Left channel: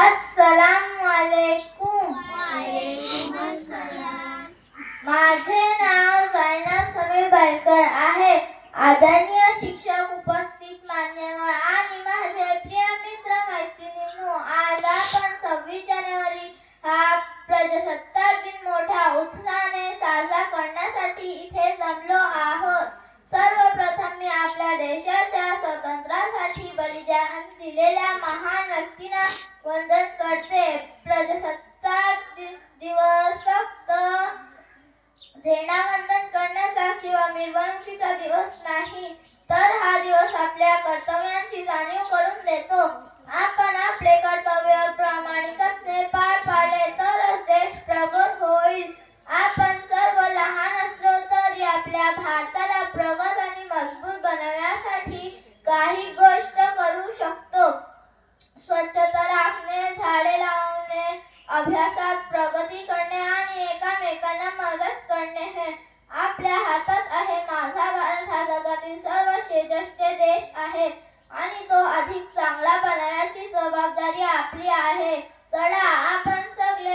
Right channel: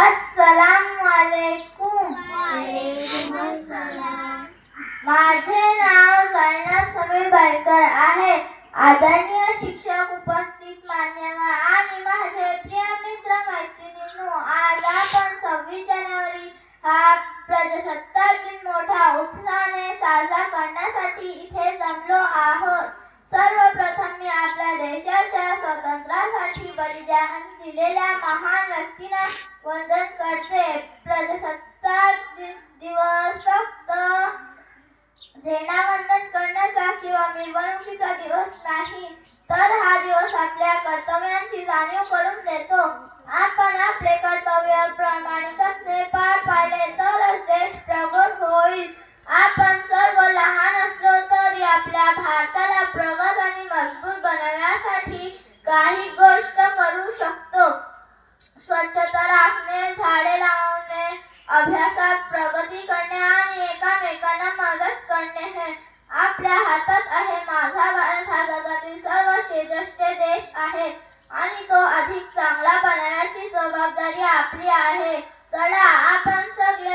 अस्सलामुअलैकुम। माझे नाव झैनब समीर बैलकर आहे। आदरणीय शिक्षक, उपस्थित मान्यवर आणि माझे प्रिय मित्र मैत्रिणींनो, आज आपण 26 जानेवारी हा प्रजासत्ताक दिन मोठ्या उत्साहाने साजरा करण्यासाठी इथे जमलो आहोत। सर्वप्रथम मी आपल्या देशाच्या स्वातंत्र्यासाठी बलिदान दिलेल्या महान व्यक्तींना वंदन करते। प्रजासत्ताक दिवस फक्त झेंडावंदन करण्याचा किंवा मिरवणुकीचा दिवस नाही, तर हा दिवस आपल्या कर्तव्यांची जाणीव करून देतो। आपण आपले कर्तव्य प्रामाणिकपणे पार पाडले तरच देश प्रगत होईल। आपण सर्व लहान असलो तरी आपल्या भारताला प्रगत आणि मजबूत बनवण्यासाठी काही गोष्ट करू शकतो। स्वच्छता राखणे, झाडे लावणे, अभ्यासात प्रगती करणे आणि एकमेकांना मदत करणे हे आपल्या हातात आहे। माझा भारत हा जगातील सर्वश्रेष्ठ देश आहे आणि तो अधिक चांगला बनवण्याची जबाबदारी आपली आहे। चला आपण सगळे